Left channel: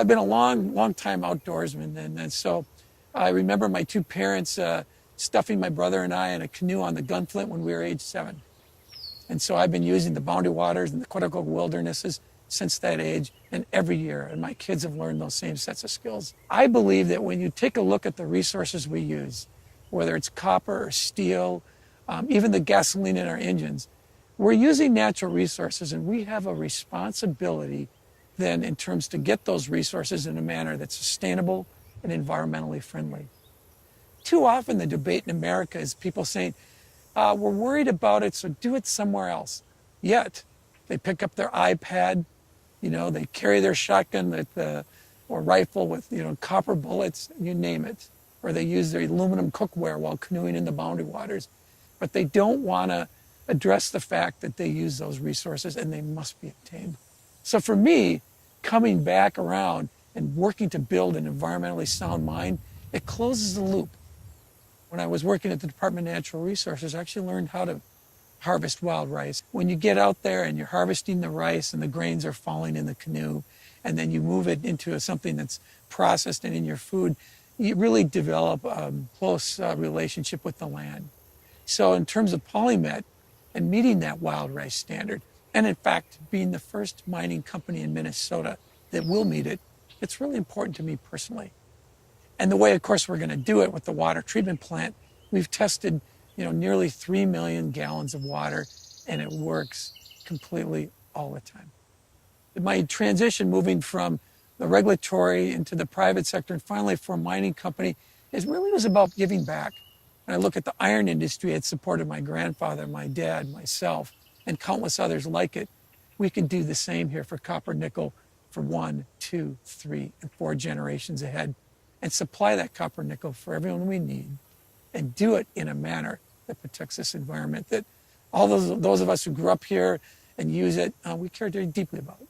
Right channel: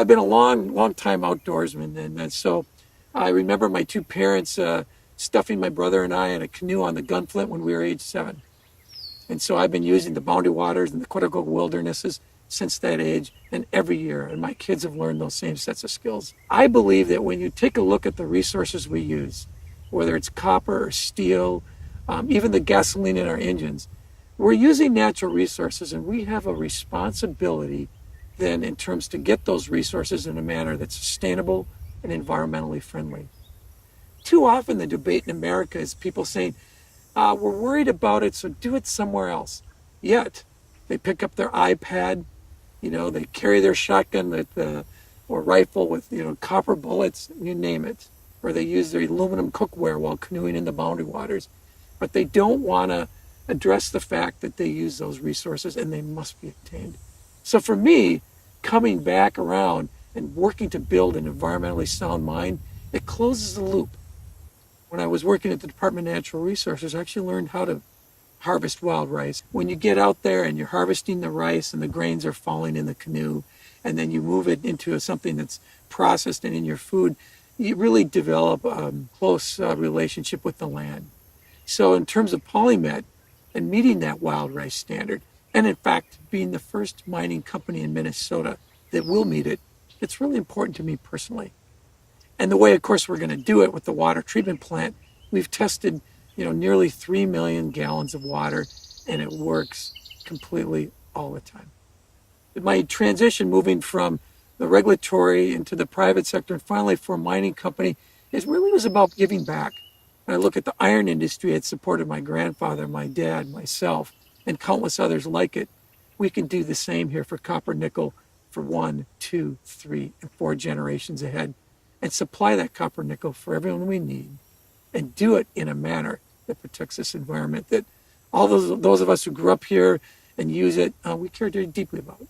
I've been a long time outdoorsman, and so I remember my two parents stuffing my brother and I in a canoe on the Gunflint when we were age 7. And so I've been using the Boundary Waters and the Quetico Wildernesses since that age and every year. And my kids have learned those same sets of skills. I believe that when you take a look at the resources we use, whether it's copper or steel, even the gasoline in our engines, we're using natural resources, and we have a responsibility then in terms to get those resources in a manner that's sustainable and environmentally friendly. Too often the debate in America is people saying, we're worried about it, so do it somewhere else. Yet, they pick up their iPad, they carry their shotgun or rifle with, copper bullets, you name it. Or they use their aluminum cookware while canoeing in the Boundary Waters. But they don't want to address the fact that they use those resources and they must be obtained. So for me, coming back around and working to build an environmentally sound mind, it closes the loop. When I was working at the Department of Natural Resources, I actually learned how to harvest wild rice. When you get out there and you're harvesting the rice and the grains are falling in the canoe, and then you move it into something that's processed and in your food, you really develop a close relationship with the land. So in terms of PolyMet and meeting that wild rice standard, and in fact being the first mining company in Minnesota that will meet it, it's really important to me personally. And the way, of course, we're going to do it with the water treatment plant, we've tested, nearly 3 million gallons of water, and it works completely all the time. My transition moving from the regulatory into the private sector and finally for a mining company was about giving back. When I look at the iron industry, it supported my grandfather, my dad, myself, and countless others like it. We can do the same here for copper nickel for 1, 2, 3, and 4 generations ahead, and supply that copper nickel for everyone we need, and do it in a manner that protects this environment that all those of us who grew up here and use it, we care very deeply about.